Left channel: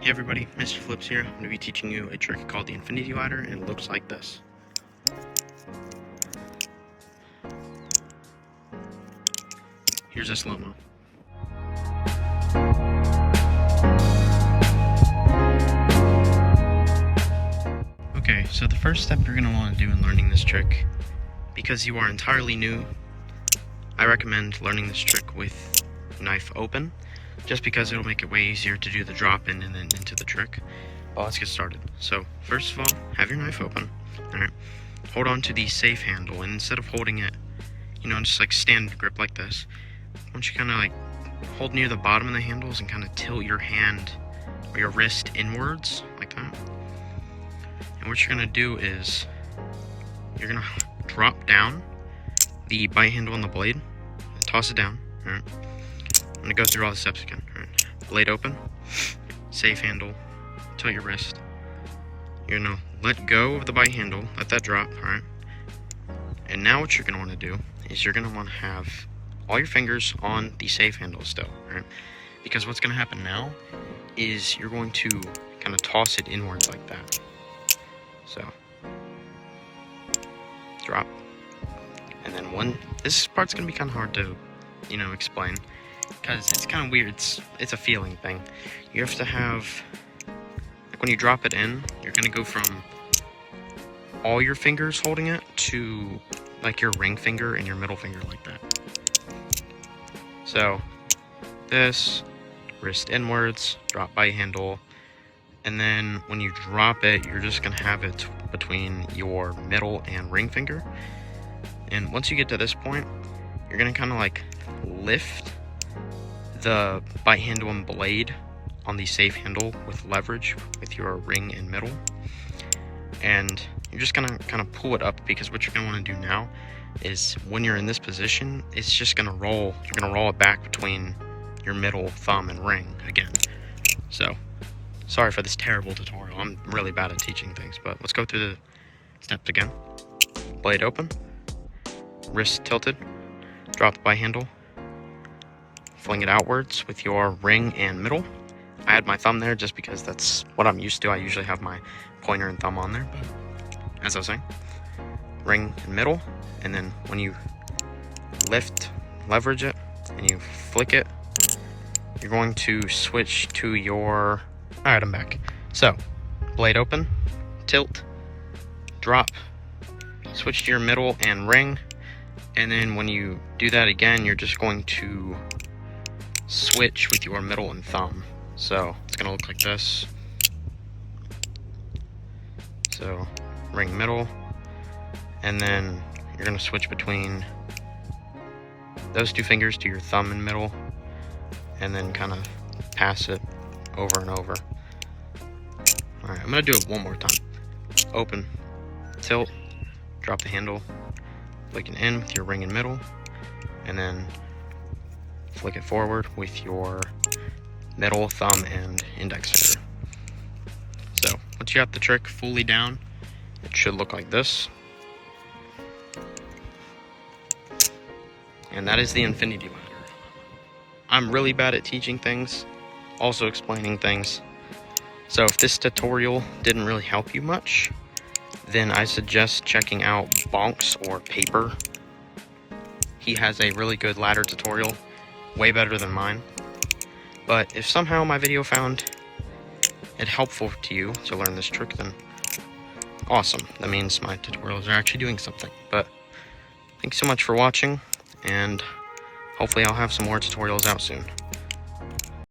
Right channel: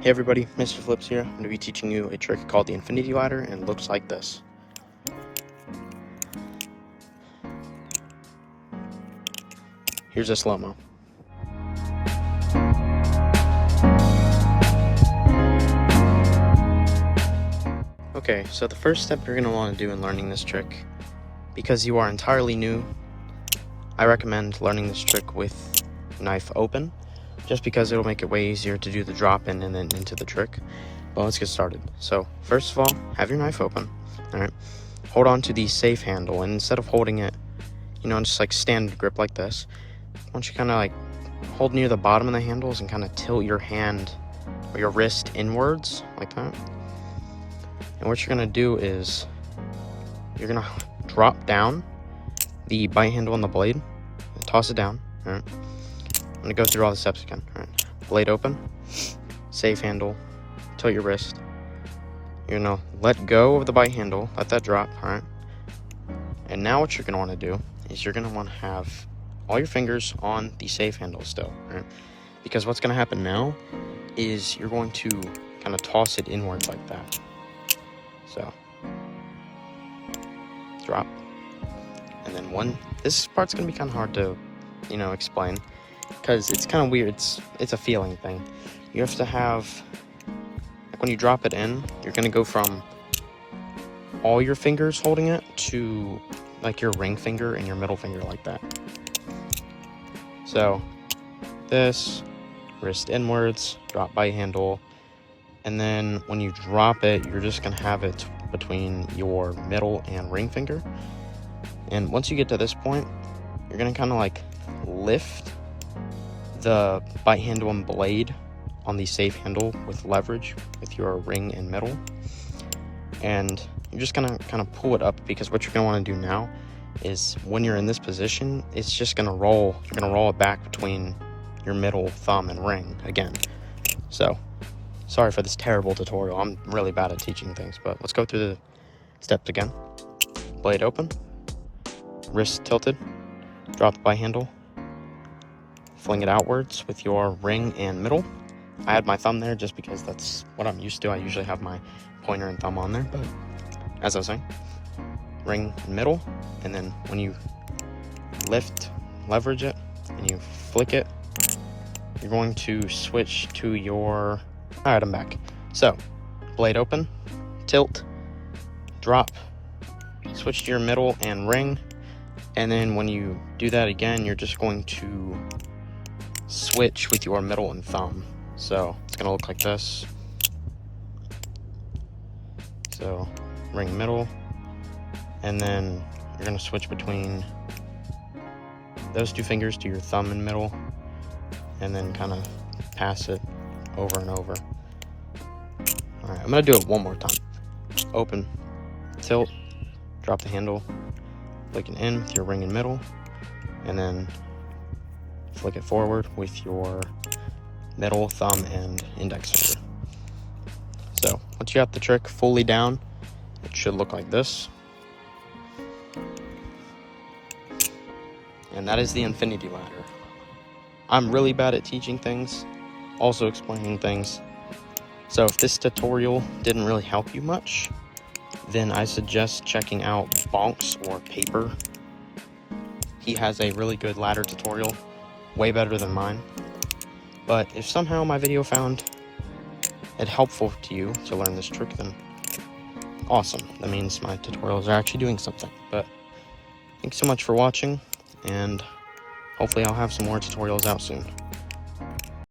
Hey everybody, Mr. Flips here. I'm going to be teaching you a trick called the infinity ladder, and it looks like this. Here's a slow-mo. Okay, so the first step you're going to want to do in learning this trick, because you are entirely new, I recommend learning this trick with knife open, just because it'll make it way easier to do the drop in and then into the trick. Well, let's get started. So first of all, have your knife open. All right, hold on to the safe handle, and instead of holding it, just like standard grip like this, why don't you kind of like hold near the bottom of the handles and kind of tilt your hand or your wrist inwards like that. And what you're gonna do is you're gonna drop down the bite handle on the blade and toss it down. All right, I'm gonna go through all the steps again. All right, blade open, safe handle, tilt your wrist. You're gonna let go of the bite handle, let that drop. All right, and now what you're gonna want to do is you're gonna want to have all your fingers on the safe handle still, right? Because what's gonna happen now is you're going to kind of toss it inwards like that. So drop, and then this part's gonna be kind of hard to explain because it's kind of weird. It's a feeling thing. You have to have, like, when you drop it in, you're gonna go from all your fingers holding it to like your ring finger and your middle finger like that. So this, wrist inwards, drop bite handle, and then when you drop it, you're just gonna have it between your middle and ring finger. And once you get to this point, you're gonna kind of like lift the bite handle and blade on the safe handle with leverage with your ring and middle, and you're just gonna kind of pull it up, because what you're gonna want to do now is when you're in this position, it's just gonna roll. You're gonna roll it back between your middle thumb and ring again. So sorry for this terrible tutorial. I'm really bad at teaching things, but let's go through the steps again. Blade open, wrist tilted, drop the bite handle, fling it outwards with your ring and middle. I had my thumb there just because that's what I'm used to. I usually have my pointer and thumb on there, but as I was saying, ring and middle, and then when you leverage it, and you flick it, you're going to switch to your, all right, I'm back. So blade open, tilt, drop, switch to your middle and ring, and then when you do that again, you're just going to switch with your middle and thumb. So it's gonna look like this. So ring middle, and then you're gonna switch between those two fingers to your thumb and middle, and then kind of pass it over and over. All right, I'm gonna do it one more time. Open, tilt, drop the handle, flick it in with your ring and middle, and then flick it forward with your middle thumb and index finger. So once you have the trick fully down, it should look like this. And that is the infinity ladder. I'm really bad at teaching things, also explaining things. So if this tutorial didn't really help you much, then I suggest checking out Bonk's or Paper. He has a really good ladder tutorial, way better than mine. But if somehow my video found it helpful to you to learn this trick, then awesome. That means my tutorials are actually doing something. But thanks so much for watching, and hopefully I'll have some more tutorials out soon.